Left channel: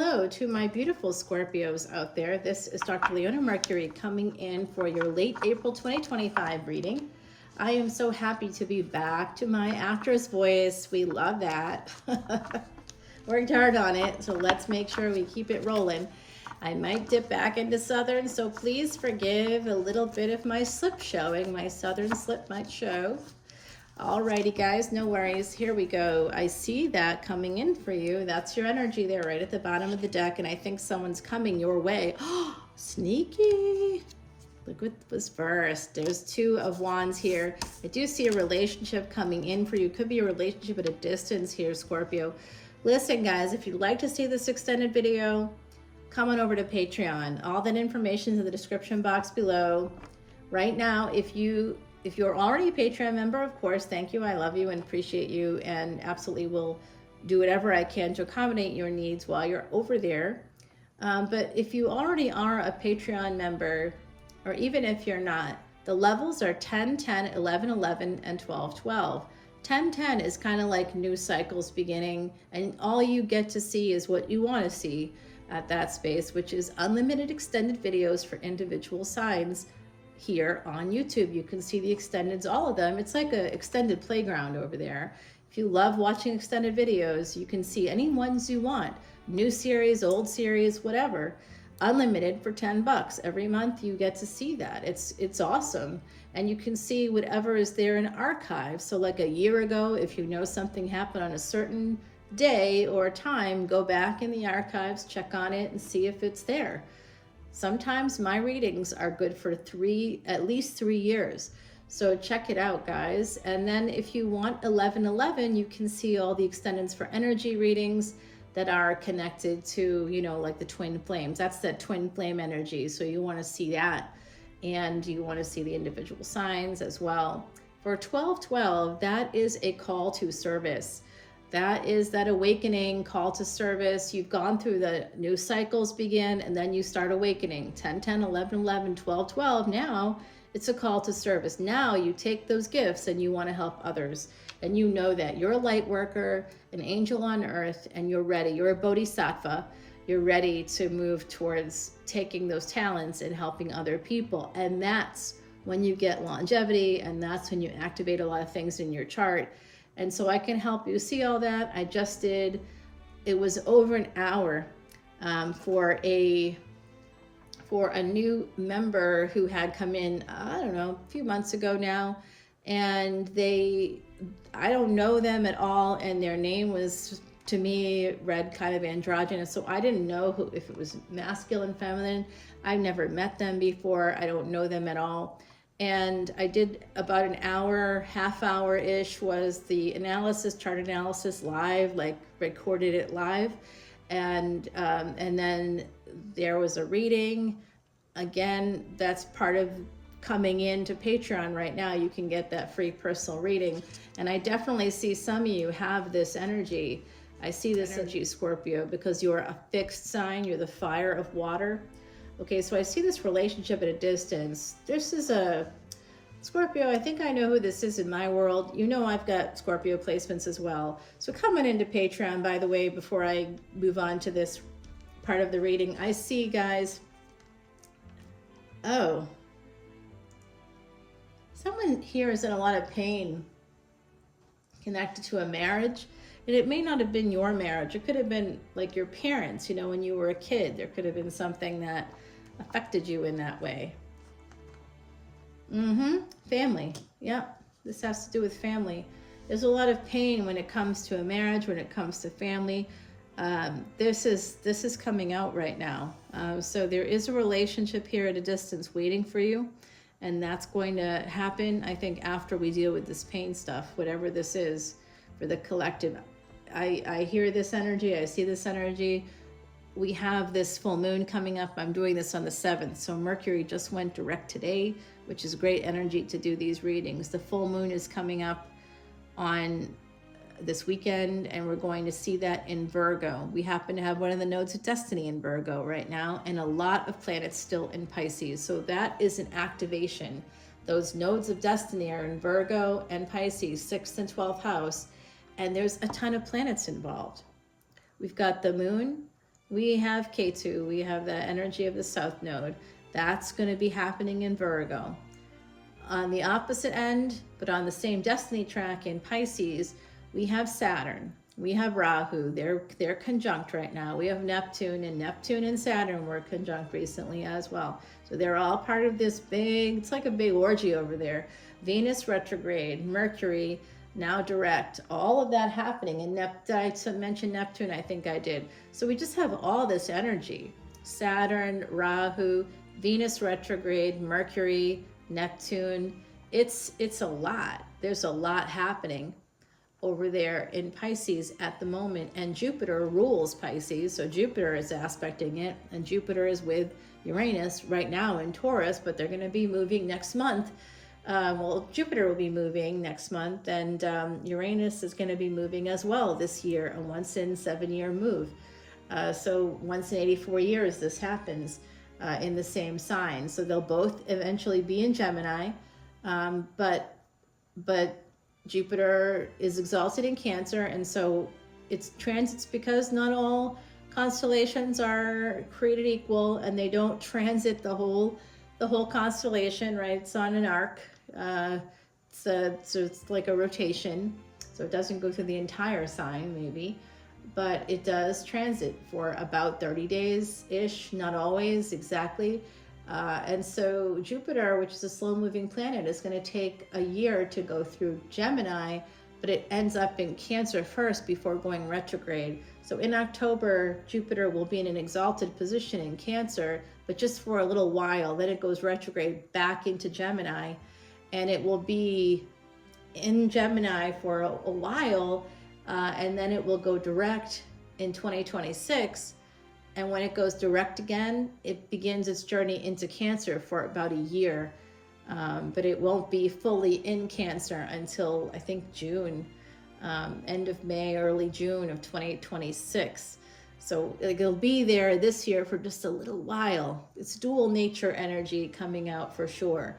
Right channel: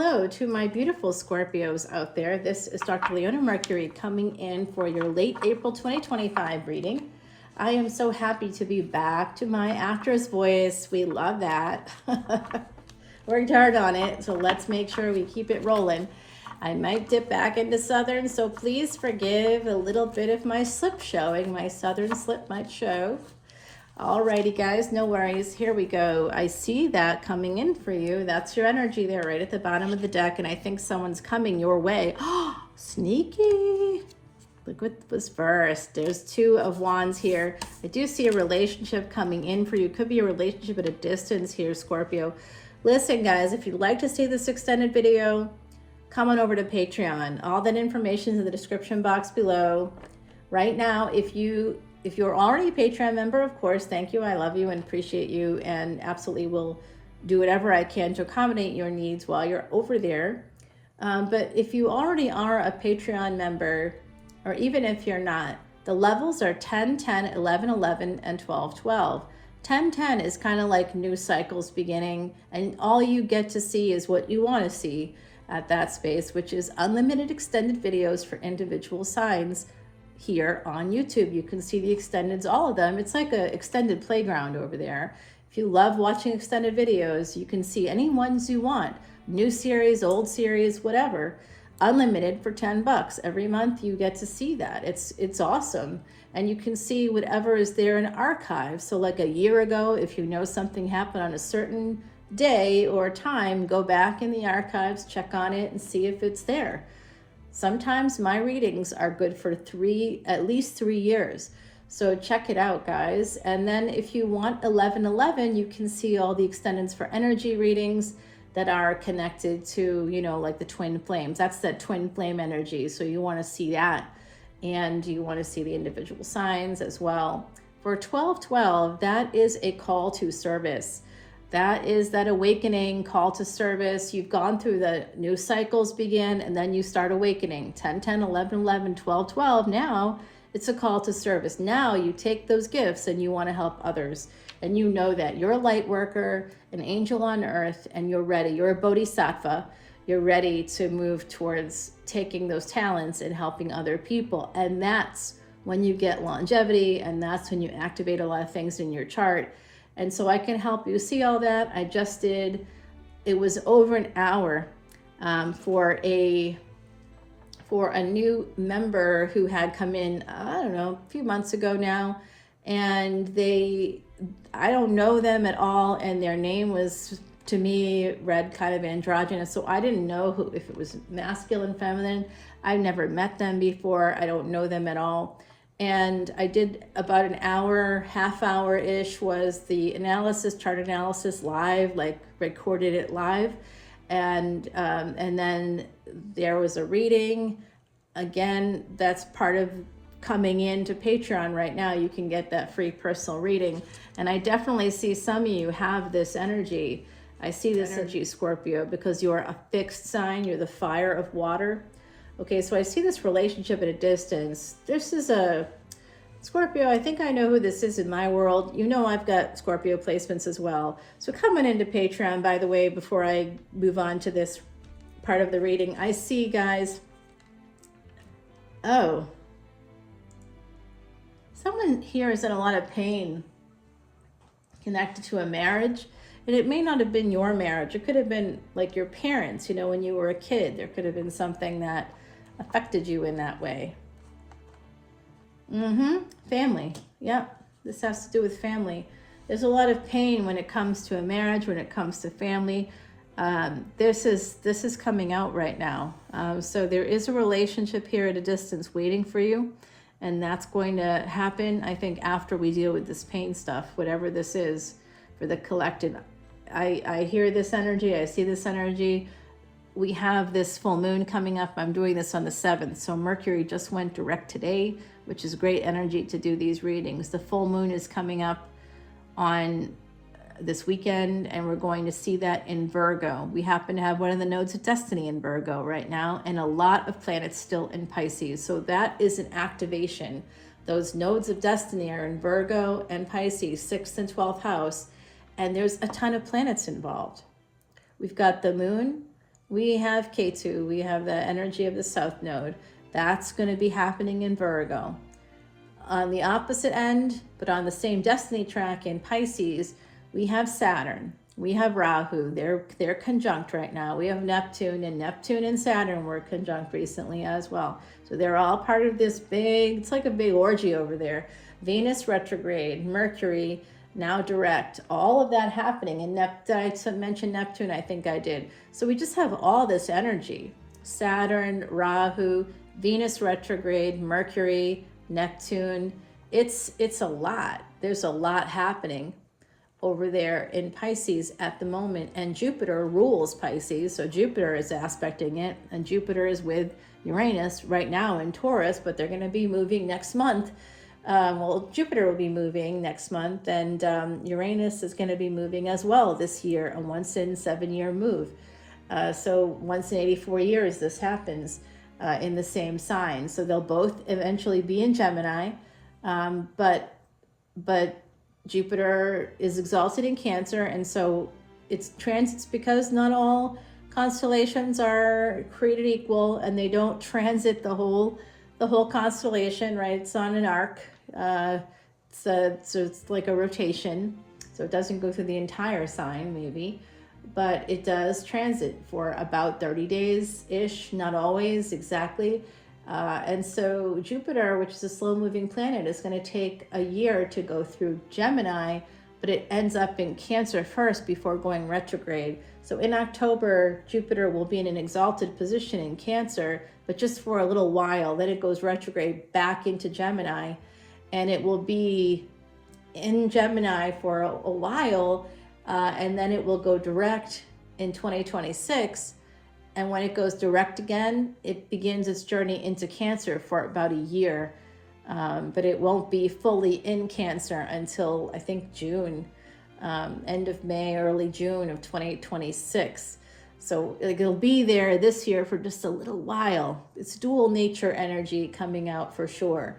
Hello to my beautiful Scorpios out there. This is Dr. Leona Mercury coming in for your late April 2025 reading. I am so happy to be back to my actress voice. We love that. Worked hard on it, so let's make sure we keep it rolling. I might dip back into Southern, so please forgive a little bit of my slip showing. My Southern slip might show. Alrighty guys, no worries. Here we go. I see that coming in for you. That's your energy there right at the bottom of the deck, and I think someone's coming your way. Oh, sneaky. Look what was first. There's Two of Wands here. I do see a relationship coming in for you. Could be a relationship at a distance here, Scorpio. Listen guys, if you'd like to see this extended video, come on over to Patreon. All that information is in the description box below. Right now, if you're already a Patreon member, of course, thank you. I love you and appreciate you, and absolutely will do whatever I can to accommodate your needs while you're over there. But if you already are a Patreon member, or even if you're not, the levels are 10, 10, 11, 11, and 12, 12. 10, 10 is kind of like new cycles beginning, and all you get to see is what you want to see at that space, which is unlimited extended videos for individual signs. Here on YouTube, you can see the extendeds, all of them. It's like an extended playground over there. If you love watching extended videos, you can see any ones you want. New series, old series, whatever. Unlimited for 10 bucks. Every month you get to see that. It's awesome. And you can see whatever is there in archives. So like a year ago, if you know something happened on a certain day or time, go back in the archives, check on it, and see if it's there. Sometimes my readings are good for at least 3 years. So check it out, guys. And then if you want 1111, you can see all the extendeds for energy readings that are connected to, you know, like the twin flames. That's that twin flame energy. So you want to see that. And you want to see the individual signs as well. For 1212, that is a call to service. That is that awakening, call to service. You've gone through the new cycles begin, and then you start awakening. 10, 10, 11, 11, 12, 12. Now it's a call to service. Now you take those gifts and you want to help others. And you know that you're a light worker, an angel on earth, and you're ready. You're a bodhisattva. You're ready to move towards taking those talents and helping other people. And that's when you get longevity, and that's when you activate a lot of things in your chart. And so I can help you see all that. I just did, it was over an hour for a new member who had come in, I don't know, a few months ago now. And I don't know them at all. And their name was, to me, read kind of androgynous. So I didn't know if it was masculine, feminine. I've never met them before. I don't know them at all. And I did about an hour, half hour-ish was the analysis, chart analysis live, like recorded it live. And then there was a reading. Again, that's part of coming into Patreon right now. You can get that free personal reading. And I definitely see some of you have this energy. I see this energy, Scorpio, because you're a fixed sign. You're the fire of water. Okay, so I see this relationship at a distance. This is a Scorpio. I think I know who this is in my world. You know I've got Scorpio placements as well. So coming into Patreon, by the way, before I move on to this part of the reading, I see, guys, oh, someone here is in a lot of pain connected to a marriage. And it may not have been your marriage. It could have been like your parents, you know, when you were a kid. There could have been something that affected you in that way. Family. Yep. This has to do with family. There's a lot of pain when it comes to a marriage, when it comes to family. This is coming out right now. So there is a relationship here at a distance waiting for you. And that's going to happen, I think, after we deal with this pain stuff, whatever this is for the collective. I hear this energy. I see this energy. We have this full moon coming up. I'm doing this on the 7th. So Mercury just went direct today, which is great energy to do these readings. The full moon is coming up on this weekend, and we're going to see that in Virgo. We happen to have one of the nodes of destiny in Virgo right now, and a lot of planets still in Pisces. So that is an activation. Those nodes of destiny are in Virgo and Pisces, 6th and 12th house, and there's a ton of planets involved. We've got the moon, we have K2, we have the energy of the South Node. That's going to be happening in Virgo. On the opposite end, but on the same destiny track in Pisces, we have Saturn. We have Rahu. They're conjunct right now. We have Neptune, and Neptune and Saturn were conjunct recently as well. So they're all part of this big, it's like a big orgy over there. Venus retrograde, Mercury now direct, all of that happening. And did I mention Neptune? I think I did. So we just have all this energy. Saturn, Rahu, Venus retrograde, Mercury, Neptune. It's a lot. There's a lot happening over there in Pisces at the moment, and Jupiter rules Pisces, so Jupiter is aspecting it, and Jupiter is with Uranus right now in Taurus, but they're going to be moving next month. Well, Jupiter will be moving next month, and Uranus is going to be moving as well this year, a once in 7-year move. So once in 84 years this happens in the same sign. So they'll both eventually be in Gemini, but Jupiter is exalted in Cancer, and so it's transits because not all constellations are created equal, and they don't transit the whole constellation, right? It's on an arc, so it's like a rotation, so it doesn't go through the entire sign maybe, but it does transit for about 30 days ish, not always exactly. And so Jupiter, which is a slow-moving planet, is going to take a year to go through Gemini, but it ends up in Cancer first before going retrograde. So in October, Jupiter will be in an exalted position in Cancer, but just for a little while. Then it goes retrograde back into Gemini, and it will be in Gemini for a while, and then it will go direct in 2026. And when it goes direct again, it begins its journey into Cancer for about a year. But it won't be fully in Cancer until, I think, June, end of May, early June of 2026. So it'll be there this year for just a little while. It's dual nature energy coming out for sure.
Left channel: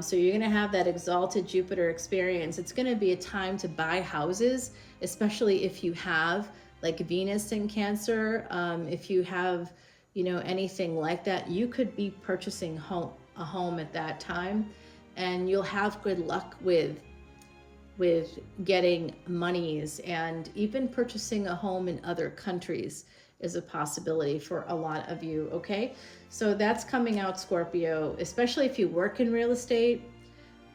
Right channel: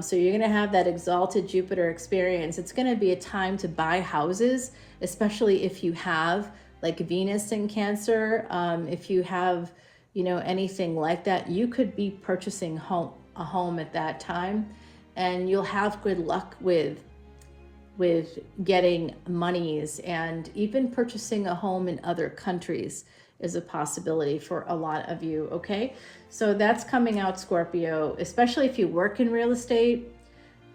So you're going to have that exalted Jupiter experience. It's going to be a time to buy houses, especially if you have like Venus in Cancer. If you have, anything like that, you could be purchasing a home at that time, and you'll have good luck with getting monies, and even purchasing a home in other countries is a possibility for a lot of you. Okay, so that's coming out, Scorpio, especially if you work in real estate.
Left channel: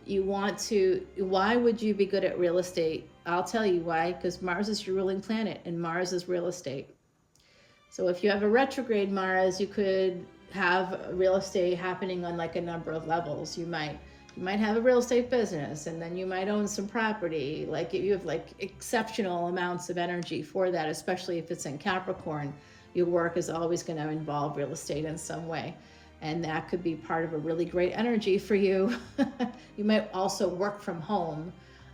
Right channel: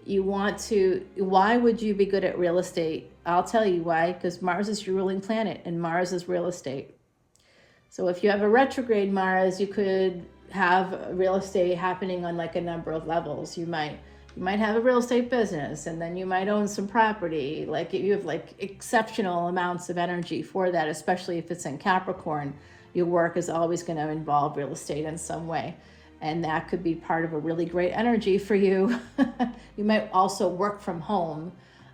Why would you be good at real estate? I'll tell you why, because Mars is your ruling planet, and Mars is real estate. So if you have a retrograde Mars, you could have real estate happening on like a number of levels. You might have a real estate business, and then you might own some property. Like you have like exceptional amounts of energy for that, especially if it's in Capricorn. Your work is always going to involve real estate in some way. And that could be part of a really great energy for you. You might also work from home.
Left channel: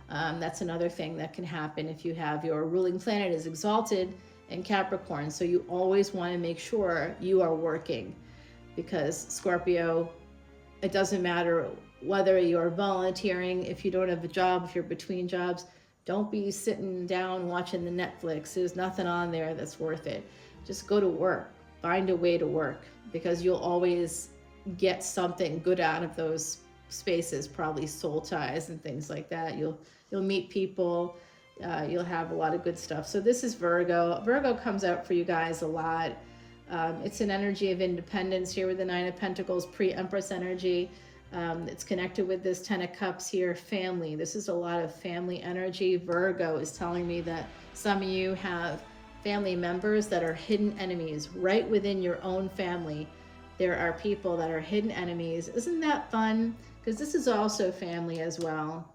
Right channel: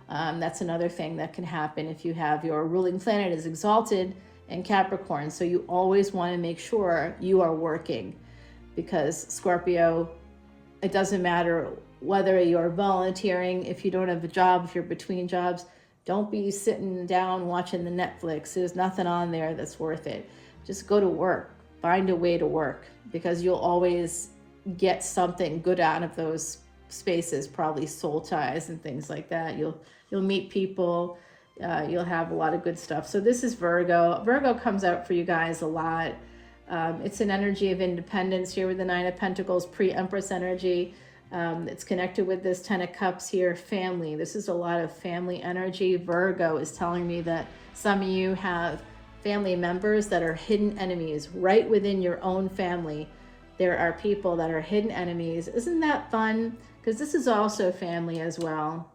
That's another thing that can happen if you have your ruling planet is exalted in Capricorn. So you always want to make sure you are working, because Scorpio, it doesn't matter whether you're volunteering, if you don't have a job, if you're between jobs, don't be sitting down watching the Netflix. There's nothing on there that's worth it. Just go to work. Find a way to work, because you'll always get something good out of those spaces, probably soul ties and things like that. You'll meet people, you'll have a lot of good stuff. So this is Virgo. Virgo comes out for you guys a lot. It's an energy of independence here with the Nine of Pentacles, pre-Empress energy. It's connected with this Ten of Cups here, family. This is a lot of family energy. Virgo is telling me that some of you have family members that are hidden enemies right within your own family. There are people that are hidden enemies. Isn't that fun? Because this is also family as well.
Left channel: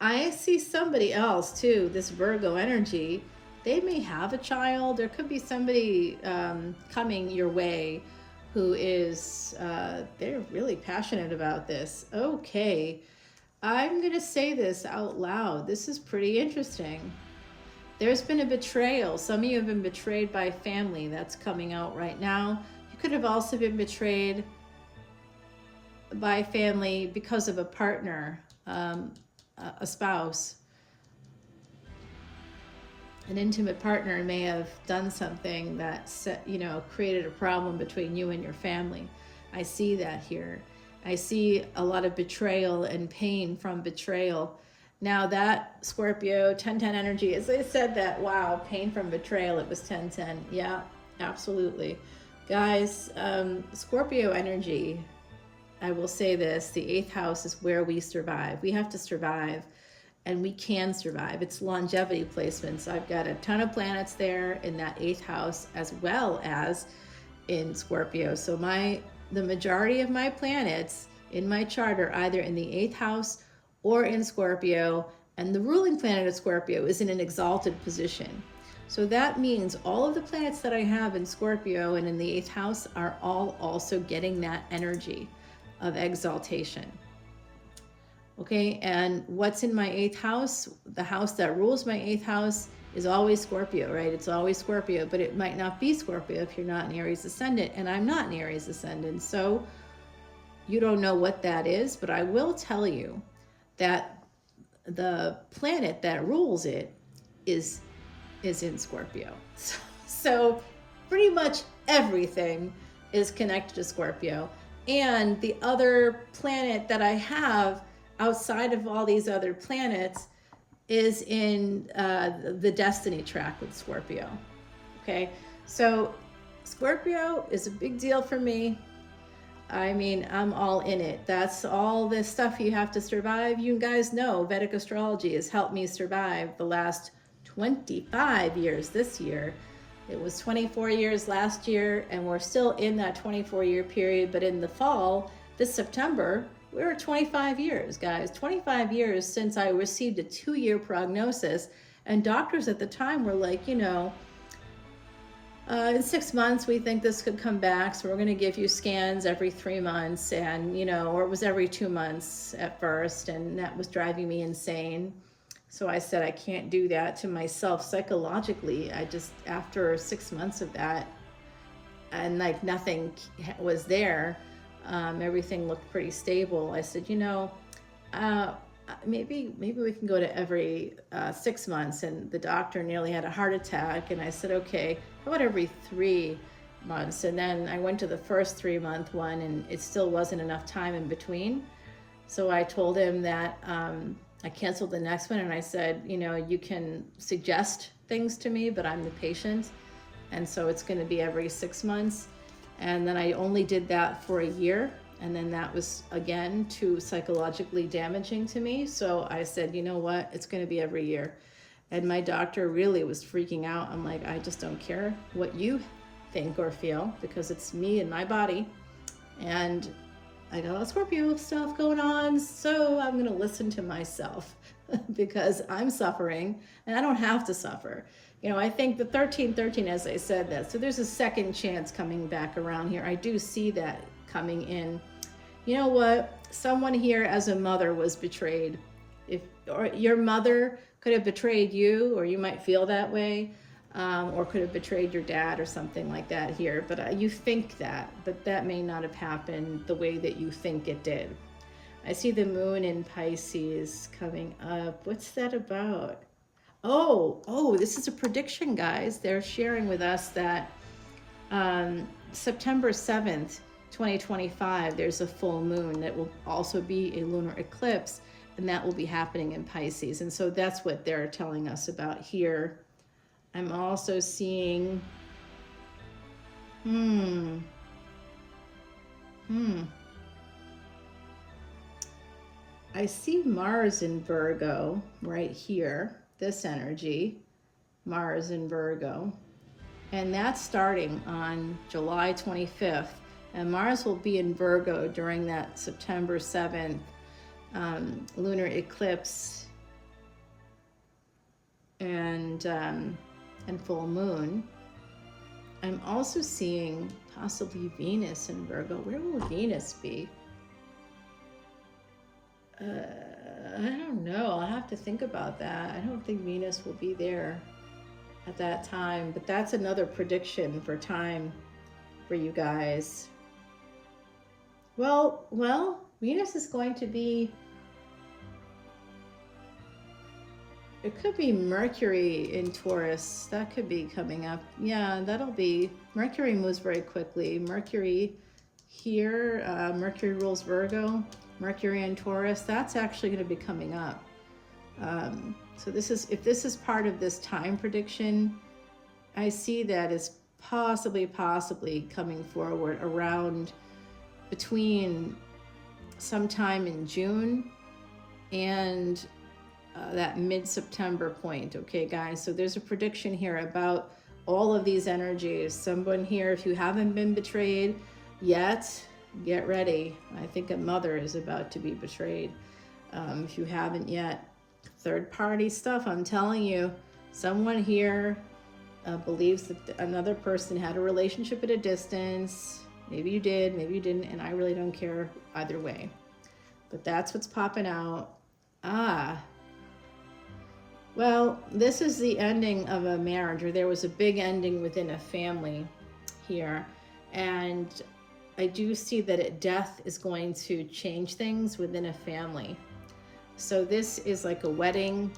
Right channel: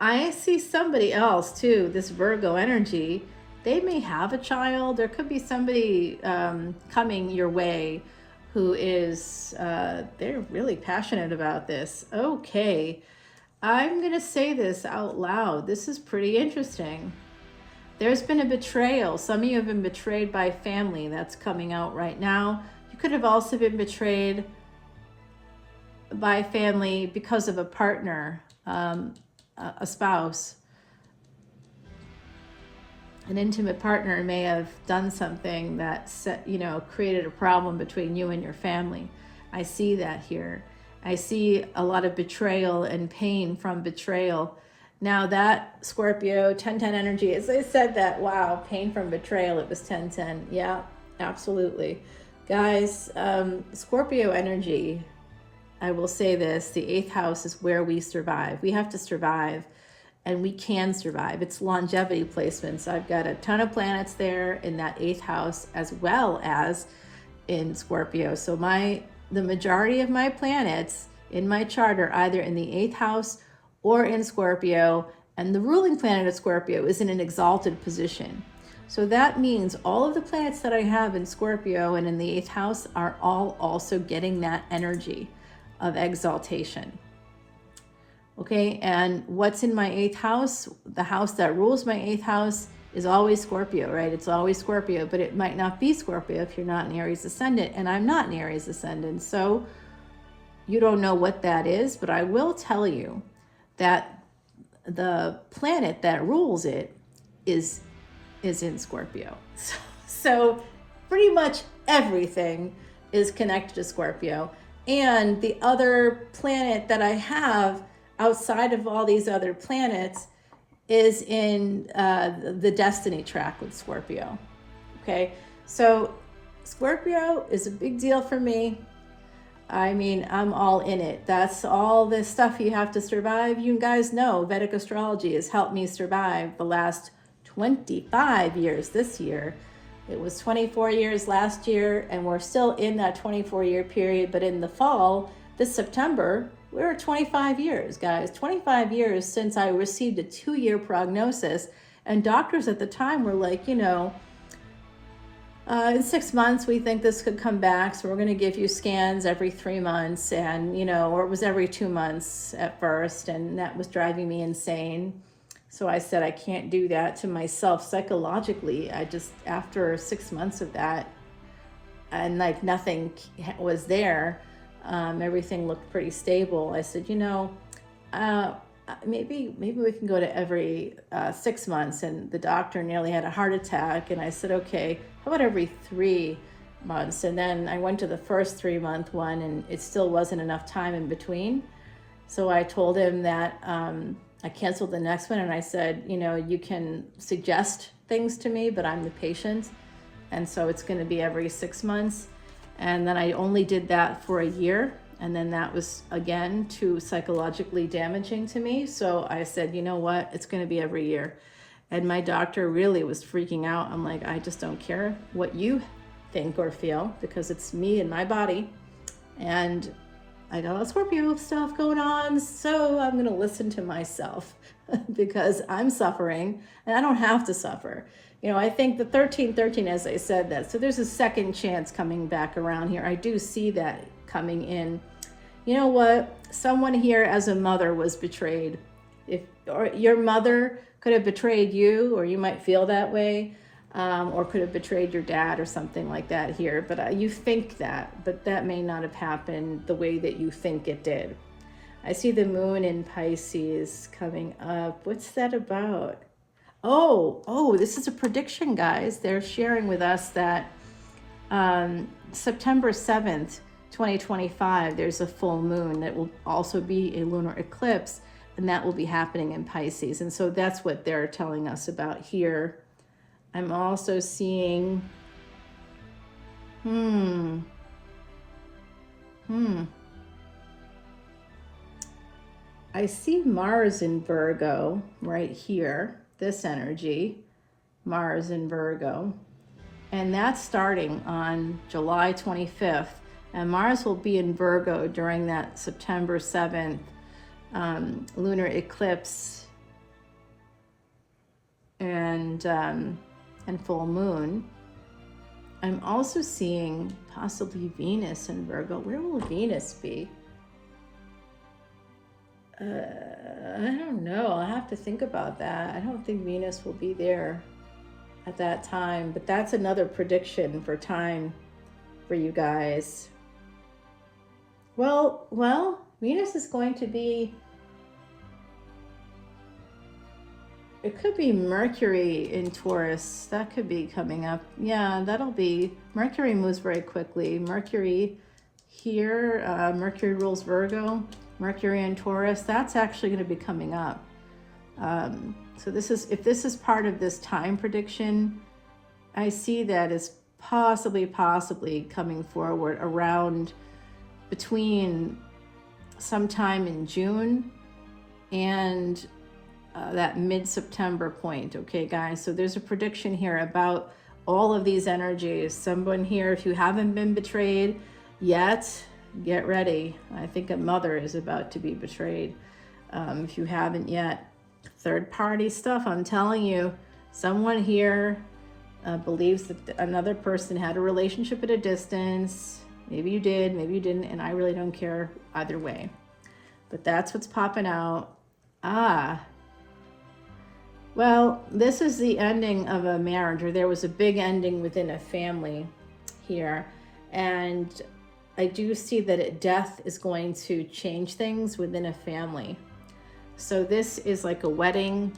I see somebody else too, this Virgo energy. They may have a child. There could be somebody coming your way who is, they're really passionate about this. Okay, I'm going to say this out loud. This is pretty interesting. There's been a betrayal. Some of you have been betrayed by family. That's coming out right now. You could have also been betrayed by family because of a partner, a spouse. an intimate partner may have done something that created a problem between you and your family. I see that here. I see a lot of betrayal and pain from betrayal. Now that Scorpio 1010 energy, as I said that, wow, pain from betrayal, it was 1010. Yeah, absolutely. Guys, Scorpio energy, I will say this, the 8th house is where we survive. We have to survive, and we can survive. It's longevity placements. I've got a ton of planets there in that 8th house as well as in Scorpio. So the majority of my planets in my chart are either in the 8th house or in Scorpio, and the ruling planet of Scorpio is in an exalted position. So that means all of the planets that I have in Scorpio and in the 8th house are all also getting that energy of exaltation. Okay, and what's in my 8th house? The house that rules my 8th house is always Scorpio, right? It's always Scorpio, but it might not be Scorpio if you're not an Aries Ascendant, and I'm not an Aries Ascendant. So you don't know what that is, but I will tell you that the planet that rules it is in Scorpio. So pretty much everything is connected to Scorpio. And the other planet that I have outside of all these other planets is in the destiny track with Scorpio. Okay, so Scorpio is a big deal for me. I mean, I'm all in it. That's all the stuff you have to survive. You guys know Vedic Astrology has helped me survive the last 25 years this year. It was 24 years last year, and we're still in that 24-year period. But in the fall, this September, we're at 25 years, guys. 25 years since I received a 2-year prognosis. And doctors at the time were like, in 6 months, we think this could come back. So we're going to give you scans every 3 months. And, or it was every 2 months at first. And that was driving me insane. So I said, I can't do that to myself psychologically. After 6 months of that, and like nothing was there, everything looked pretty stable. I said, maybe we can go to every 6 months. And the doctor nearly had a heart attack. And I said, okay, how about every 3 months? And then I went to the first 3-month one, and it still wasn't enough time in between. So I told him that I canceled the next one, and I said, you can suggest things to me, but I'm the patient. And so it's going to be every 6 months. And then I only did that for a year. And then that was, again, too psychologically damaging to me. So I said, you know what? It's going to be every year. And my doctor really was freaking out. I'm like, I just don't care what you think or feel, because it's me and my body. And I got all Scorpio stuff going on, so I'm going to listen to myself because I'm suffering, and I don't have to suffer. I think the 1313, as I said that, so there's a second chance coming back around here. I do see that coming in. You know what? Someone here as a mother was betrayed. Or your mother could have betrayed you, or you might feel that way. Or could have betrayed your dad or something like that here. But you think that, but that may not have happened the way that you think it did. I see the moon in Pisces coming up. What's that about? Oh, this is a prediction, guys. They're sharing with us that September 7th, 2025, there's a full moon that will also be a lunar eclipse, and that will be happening in Pisces. And so that's what they're telling us about here. I'm also seeing, I see Mars in Virgo right here, this energy, Mars in Virgo. And that's starting on July 25th. And Mars will be in Virgo during that September 7th lunar eclipse and full moon. I'm also seeing possibly Venus in Virgo. Where will Venus be? I don't know. I'll have to think about that. I don't think Venus will be there at that time, but that's another prediction for time for you guys. Well, Venus is going to be it could be Mercury in Taurus. That could be coming up. Yeah, that'll be, Mercury moves very quickly. Mercury here, Mercury rules Virgo. Mercury in Taurus, that's actually going to be coming up. So this is, if this is part of this time prediction, I see that as possibly coming forward around between sometime in June and that mid-September point. Okay, guys, so there's a prediction here about all of these energies. Someone here, if you haven't been betrayed yet, get ready. I think a mother is about to be betrayed. If you haven't yet, third-party stuff, I'm telling you, someone here believes that another person had a relationship at a distance. Maybe you did, maybe you didn't, and I really don't care either way. But that's what's popping out. Well, this is the ending of a marriage, or there was a big ending within a family here. And I do see that death is going to change things within a family. So this is like a wedding.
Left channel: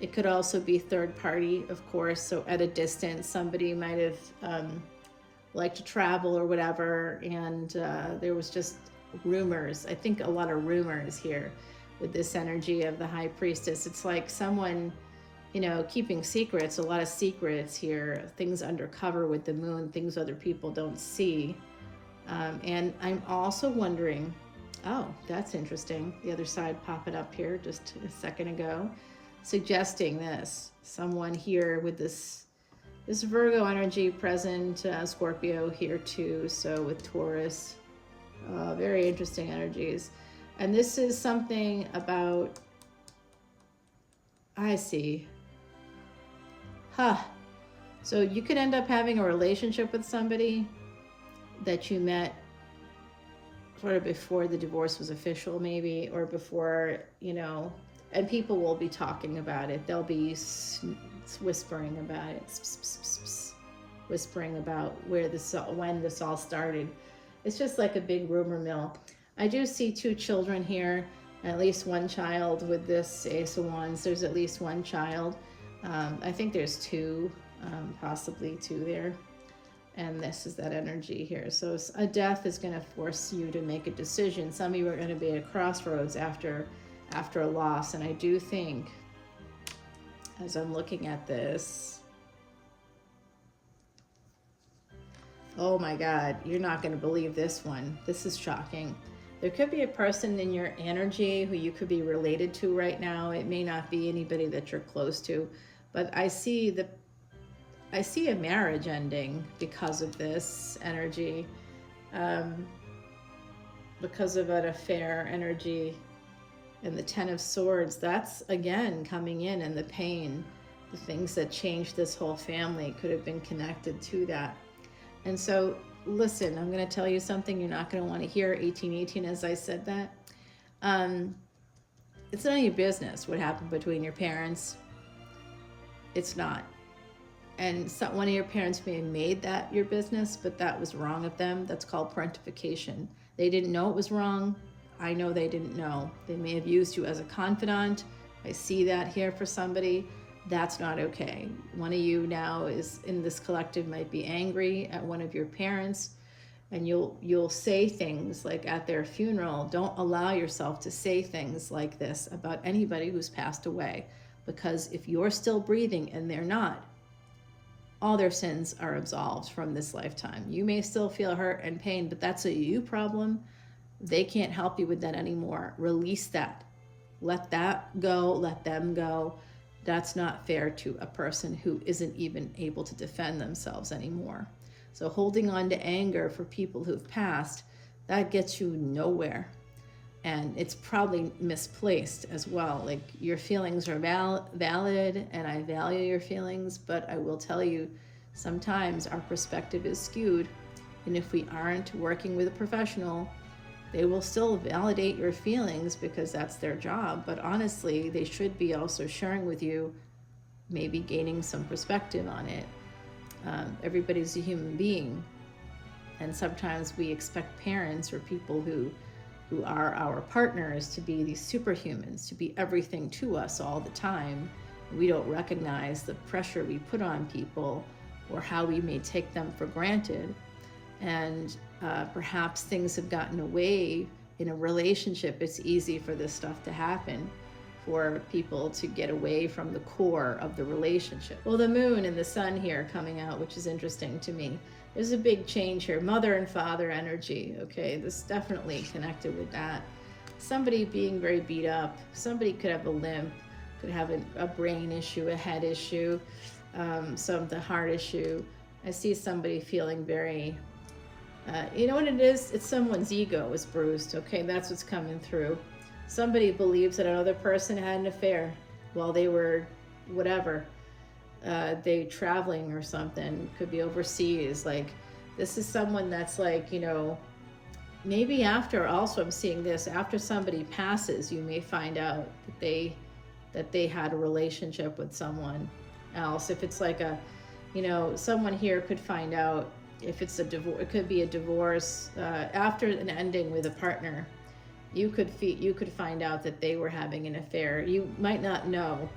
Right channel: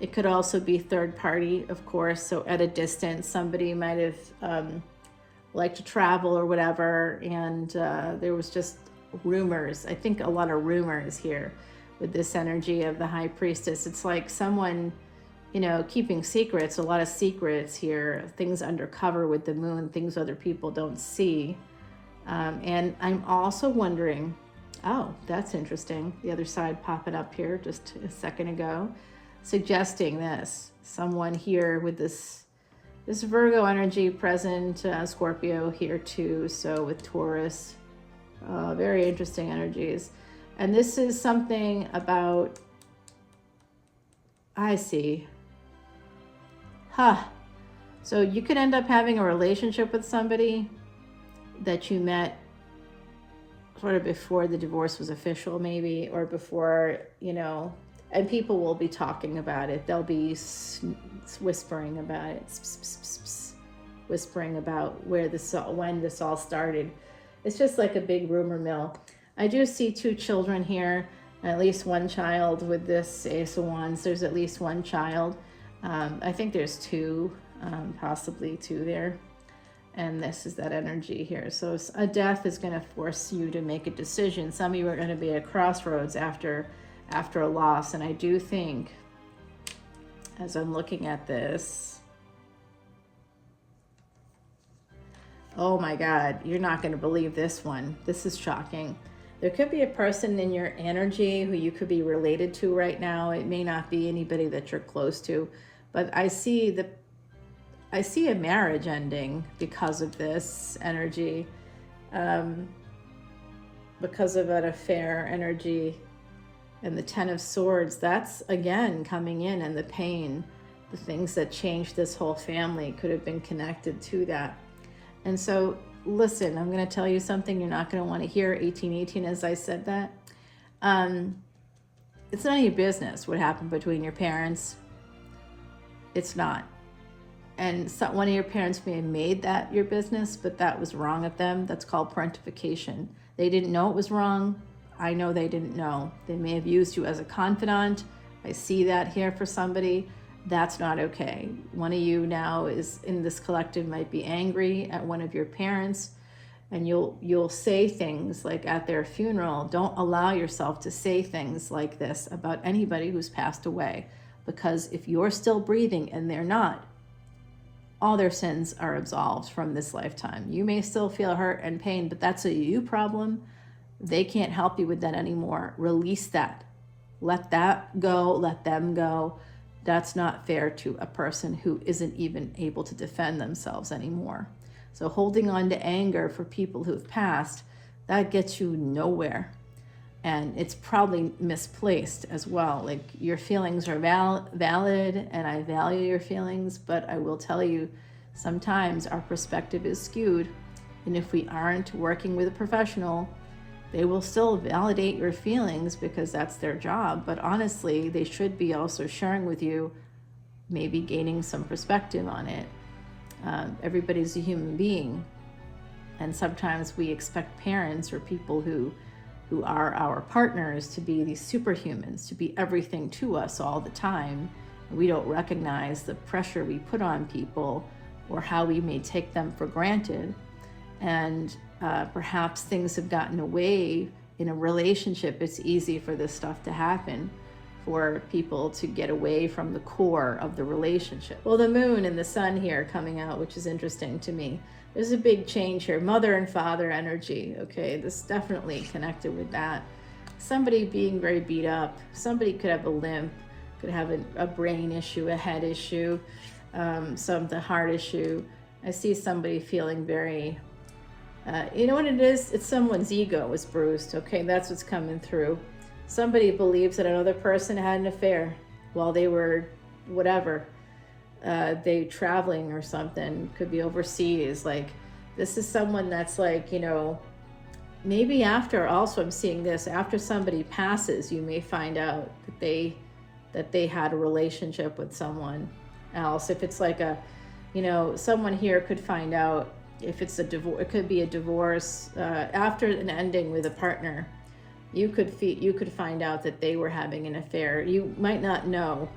It could also be third party, of course. So at a distance, somebody might have liked to travel or whatever. And there was just rumors. I think a lot of rumors here with this energy of the High Priestess. It's like someone, you know, keeping secrets, a lot of secrets here, things undercover with the moon, things other people don't see. And I'm also wondering, oh, that's interesting. The other side popping up here just a second ago, suggesting this. Someone here with this Virgo energy present, Scorpio here too, so with Taurus. Very interesting energies. And this is something about, I see. So you could end up having a relationship with somebody that you met sort of before the divorce was official, maybe, or before, you know, and people will be talking about it. They'll be whispering about it, whispering about when this all started. It's just like a big rumor mill. I do see two children here, at least one child with this Ace of Wands. There's at least one child. I think there's two, possibly two there. And this is that energy here. So a death is going to force you to make a decision. Some of you are going to be at a crossroads after a loss. And I do think, as I'm looking at this, oh my God, you're not going to believe this one. This is shocking. There could be a person in your energy who you could be related to right now. It may not be anybody that you're close to, but I see a marriage ending because of this energy, because of an affair energy. And the Ten of Swords, that's again coming in, and the pain, the things that changed this whole family could have been connected to that. And so, listen, I'm going to tell you something you're not going to want to hear. 1818, as I said that. It's none of your business what happened between your parents. It's not. And so one of your parents may have made that your business, but that was wrong of them. That's called parentification. They didn't know it was wrong. I know they didn't know. They may have used you as a confidant. I see that here for somebody. That's not okay. One of you now is in this collective might be angry at one of your parents, and you'll say things like at their funeral. Don't allow yourself to say things like this about anybody who's passed away, because if you're still breathing and they're not, all their sins are absolved from this lifetime. You may still feel hurt and pain, but that's a you problem. They can't help you with that anymore. Release that. Let that go. Let them go. That's not fair to a person who isn't even able to defend themselves anymore. So holding on to anger for people who've passed, that gets you nowhere. And it's probably misplaced as well. Like, your feelings are valid, and I value your feelings, but I will tell you, sometimes our perspective is skewed. And if we aren't working with a professional, they will still validate your feelings because that's their job. But honestly, they should be also sharing with you, maybe gaining some perspective on it. Everybody's a human being. And sometimes we expect parents or people who are our partners to be these superhumans, to be everything to us all the time. We don't recognize the pressure we put on people or how we may take them for granted. And perhaps things have gotten away in a relationship. It's easy for this stuff to happen, for people to get away from the core of the relationship. Well, the moon and the sun here coming out, which is interesting to me. There's a big change here. Mother and father energy. Okay, this definitely connected with that. Somebody being very beat up. Somebody could have a limp, could have a brain issue, a head issue, the heart issue. I see somebody feeling very, you know what it is? It's someone's ego was bruised. Okay, that's what's coming through. Somebody believes that another person had an affair while they were whatever, they traveling or something, could be overseas. Like, this is someone that's like, you know, maybe after, also I'm seeing this, after somebody passes, you may find out that they had a relationship with someone else. If it's like a, you know, someone here could find out if it's a divorce, it could be a divorce, after an ending with a partner. You could find out that they were having an affair. You might not know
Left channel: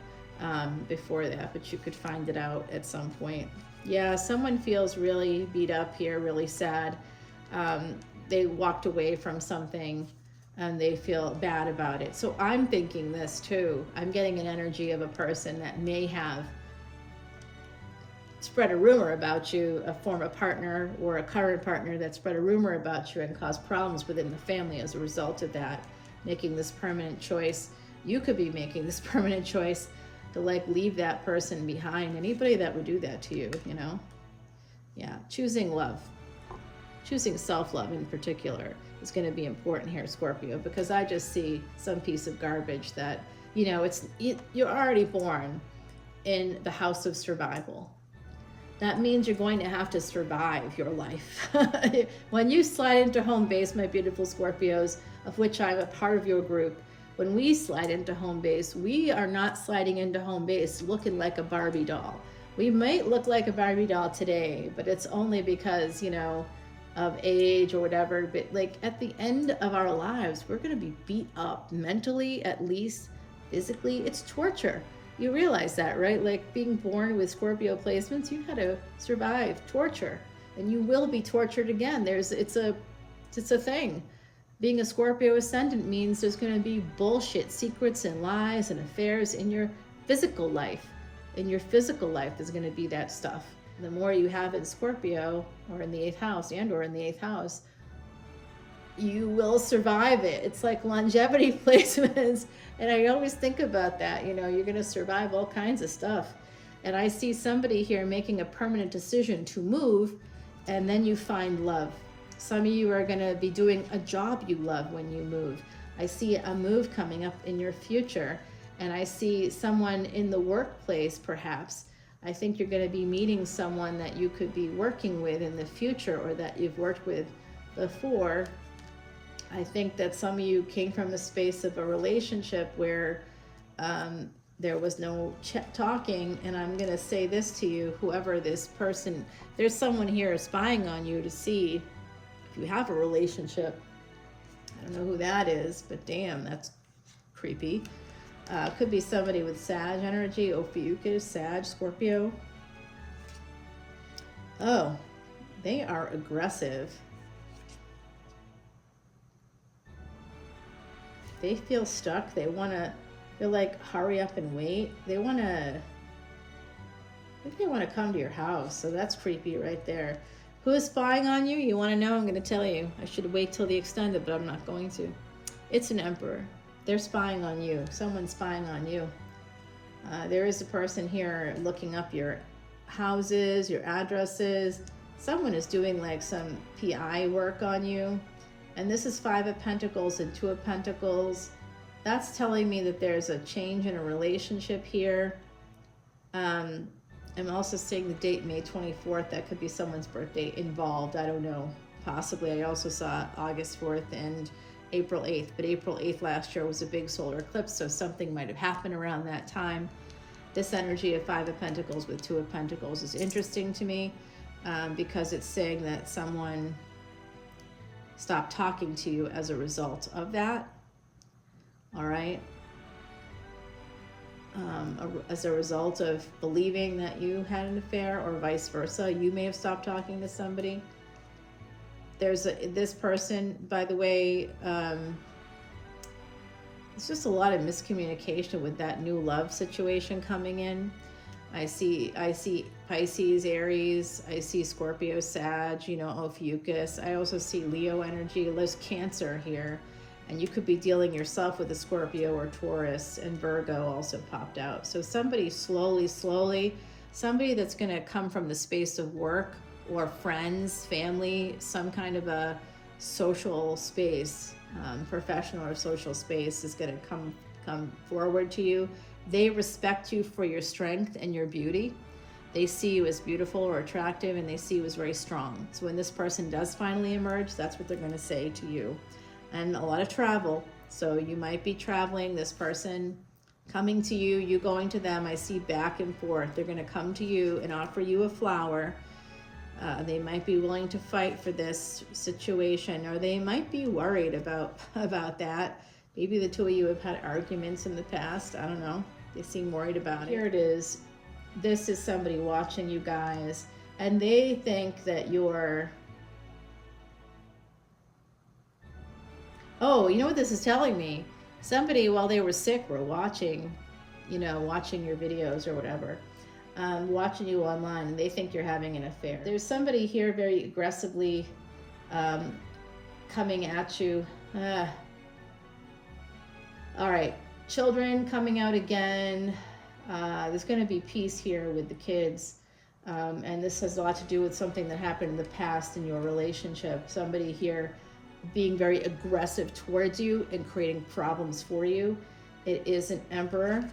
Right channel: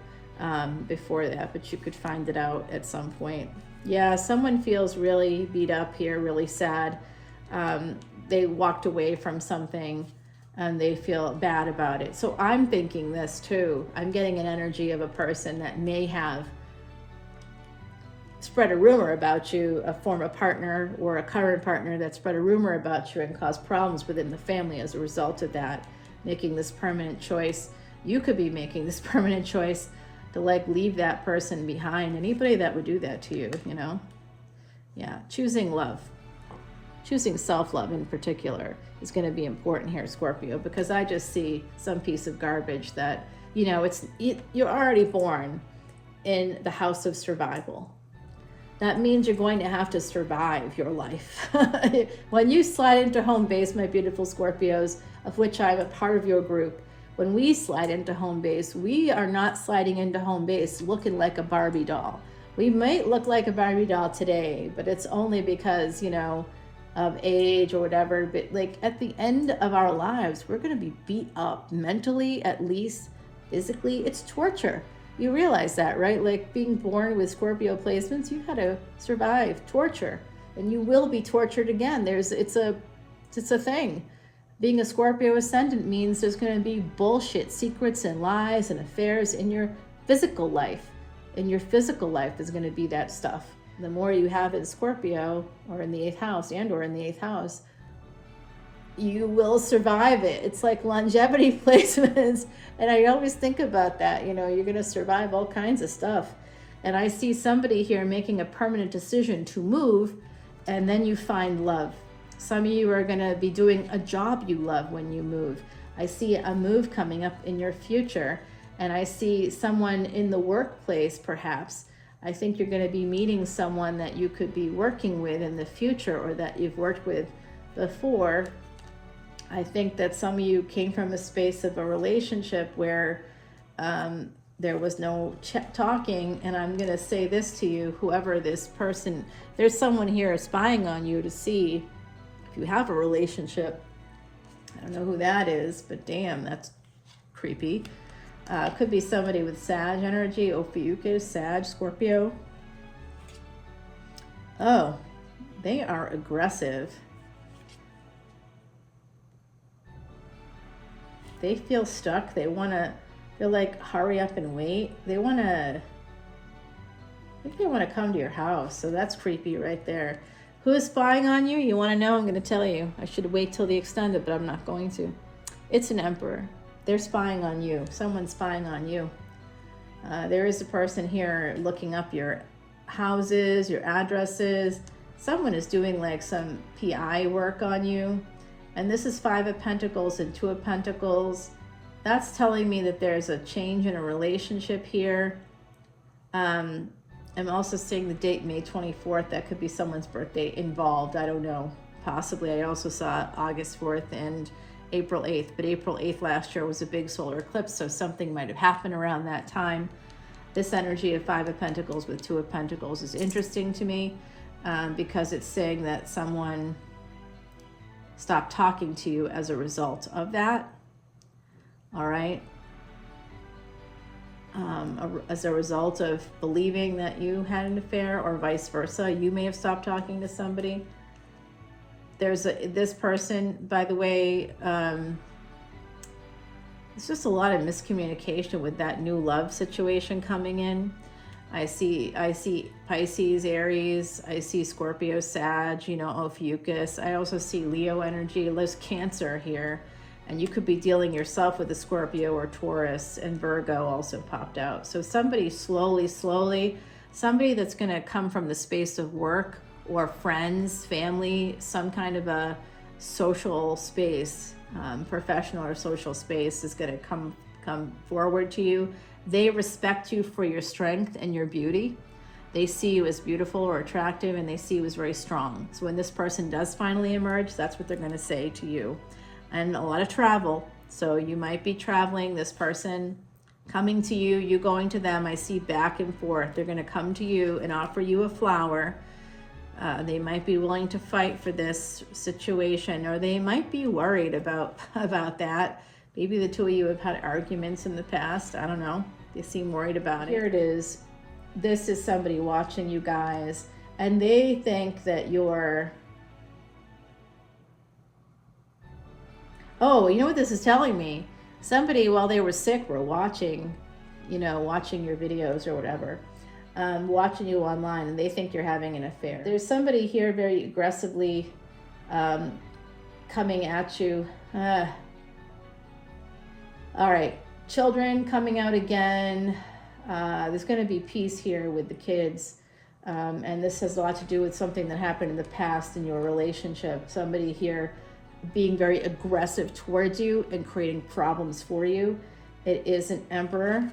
before that, but you could find it out at some point. Yeah, someone feels really beat up here, really sad. They walked away from something and they feel bad about it. So I'm thinking this too. I'm getting an energy of a person that may have spread a rumor about you, a former partner or a current partner that spread a rumor about you and caused problems within the family as a result of that, making this permanent choice. You could be making this permanent choice to like leave that person behind. Anybody that would do that to you, you know? Yeah, choosing love, choosing self-love in particular is going to be important here, Scorpio, because I just see some piece of garbage that, you know, you're already born in the house of survival. That means you're going to have to survive your life. When you slide into home base, my beautiful Scorpios, of which I'm a part of your group, when we slide into home base, we are not sliding into home base looking like a Barbie doll. We might look like a Barbie doll today, but it's only because, you know, of age or whatever. But like at the end of our lives, we're going to be beat up mentally, at least physically. It's torture. You realize that, right? Like being born with Scorpio placements, you got to survive torture, and you will be tortured again. It's a thing. Being a Scorpio ascendant means there's going to be bullshit, secrets and lies and affairs in your physical life. In your physical life is going to be that stuff. The more you have in Scorpio or in the 8th house or in the 8th house, you will survive it. It's like longevity placements. And I always think about that, you know, you're going to survive all kinds of stuff. And I see somebody here making a permanent decision to move, and then you find love. Some of you are going to be doing a job you love when you move. I see a move coming up in your future, and I see someone in the workplace perhaps. I think you're going to be meeting someone that you could be working with in the future or that you've worked with before. I think that some of you came from a space of a relationship where there was no talking, and I'm going to say this to you, whoever this person, there's someone here spying on you to see if you have a relationship. I don't know who that is, but damn, that's creepy. Could be somebody with Sag energy, Ophiuchus, Sag, Scorpio. Oh, they are aggressive. They feel stuck. They're like, hurry up and wait. They want to come to your house. So that's creepy right there. Who's spying on you? You want to know? I'm going to tell you. I should wait till the extended, but I'm not going to. It's an emperor. They're spying on you. Someone's spying on you. There is a person here looking up your houses, your addresses. Someone is doing like some PI work on you. And this is 5 of Pentacles and 2 of Pentacles. That's telling me that there's a change in a relationship here. I'm also seeing the date May 24th. That could be someone's birthday involved. I don't know. Possibly. I also saw August 4th and April 8th. But April 8th last year was a big solar eclipse, so something might have happened around that time. This energy of 5 of Pentacles with 2 of Pentacles is interesting to me because it's saying that someone stop talking to you as a result of that. All right. as a result of believing that you had an affair, or vice versa. You may have stopped talking to somebody. This person, by the way, it's just a lot of miscommunication with that new love situation coming in. I see Pisces, Aries. I see Scorpio, Sag, Ophiuchus. I also see Leo energy. There's Cancer here. And you could be dealing yourself with a Scorpio or Taurus, and Virgo also popped out. So somebody slowly, somebody that's going to come from the space of work or friends, family, some kind of a social space, professional or social space, is going to come forward to you. They respect you for your strength and your beauty. They see you as beautiful or attractive, and they see you as very strong. So when this person does finally emerge, that's what they're going to say to you. And a lot of travel. So you might be traveling, this person coming to you, you going to them. I see back and forth. They're going to come to you and offer you a flower. They might be willing to fight for this situation, or they might be worried about that. Maybe the two of you have had arguments in the past. I don't know. They seem worried about it. Here it is. This is somebody watching you guys, and they think that you're... Oh, you know what this is telling me? Somebody, while they were sick, were watching your videos or whatever, watching you online, and they think you're having an affair. There's somebody here very aggressively coming at you. All right, children coming out again. There's going to be peace here with the kids. And this has a lot to do with something that happened in the past in your relationship. Somebody here being very aggressive towards you and creating problems for you. It is an Emperor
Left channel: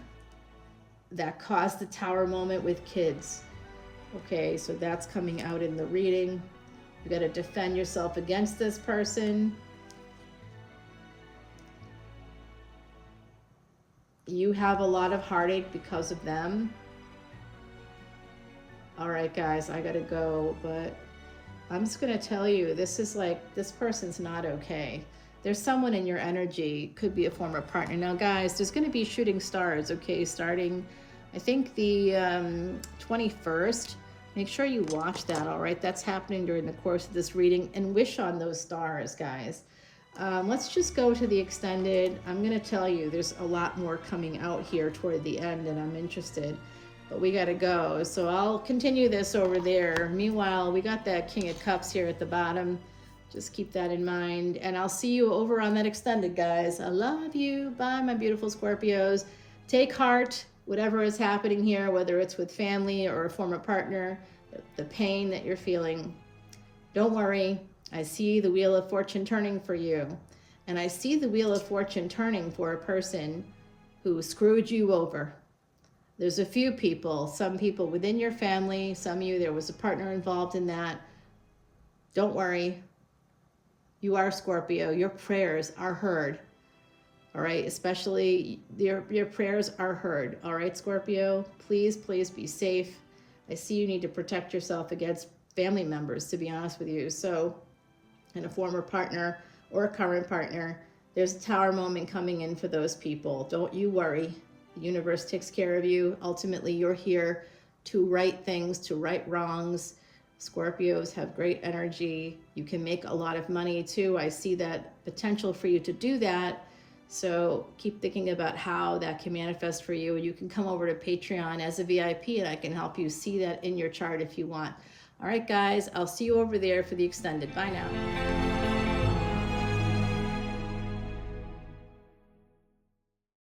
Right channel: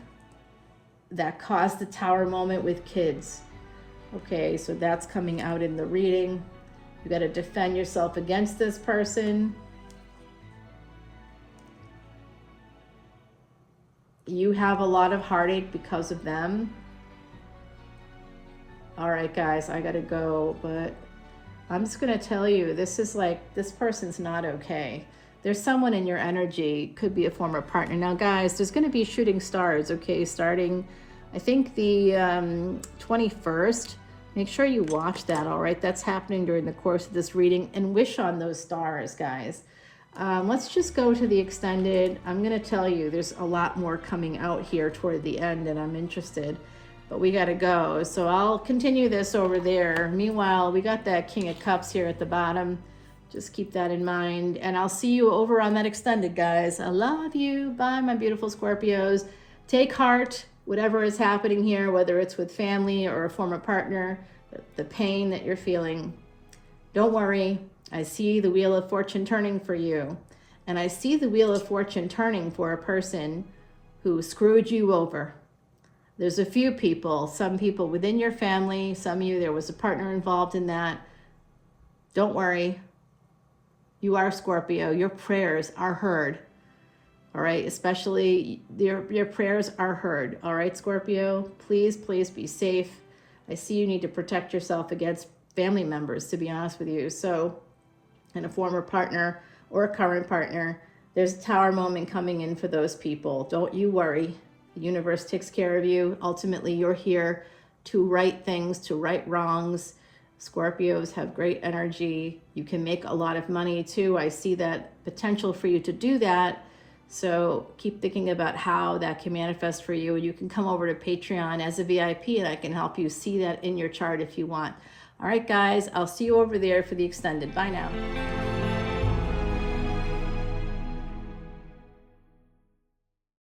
that caused the Tower moment with kids. Okay, so that's coming out in the reading. You got to defend yourself against this person. You have a lot of heartache because of them. All right, guys, I got to go, but I'm just going to tell you, this person's not okay. There's someone in your energy, could be a former partner. Now, guys, there's going to be shooting stars, okay, starting, I think, the 21st. Make sure you watch that, all right? That's happening during the course of this reading, and wish on those stars, guys. Let's just go to the extended. I'm going to tell you, there's a lot more coming out here toward the end, and I'm interested. But we got to go. So I'll continue this over there. Meanwhile, we got that King of Cups here at the bottom. Just keep that in mind. And I'll see you over on that extended, guys. I love you. Bye, my beautiful Scorpios. Take heart, whatever is happening here, whether it's with family or a former partner, the pain that you're feeling. Don't worry. I see the Wheel of Fortune turning for you. And I see the Wheel of Fortune turning for a person who screwed you over. There's a few people, some people within your family, some of you, there was a partner involved in that. Don't worry. You are Scorpio. Your prayers are heard. All right, especially your prayers are heard. All right, Scorpio, please be safe. I see you need to protect yourself against family members, to be honest with you. So, and a former partner or a current partner, there's a Tower moment coming in for those people. Don't you worry. The universe takes care of you. Ultimately, you're here to right things, to right wrongs. Scorpios have great energy. You can make a lot of money too. I see that potential for you to do that. So keep thinking about how that can manifest for you. You can come over to Patreon as a VIP, and I can help you see that in your chart if you want. All right, guys, I'll see you over there for the extended. Bye now.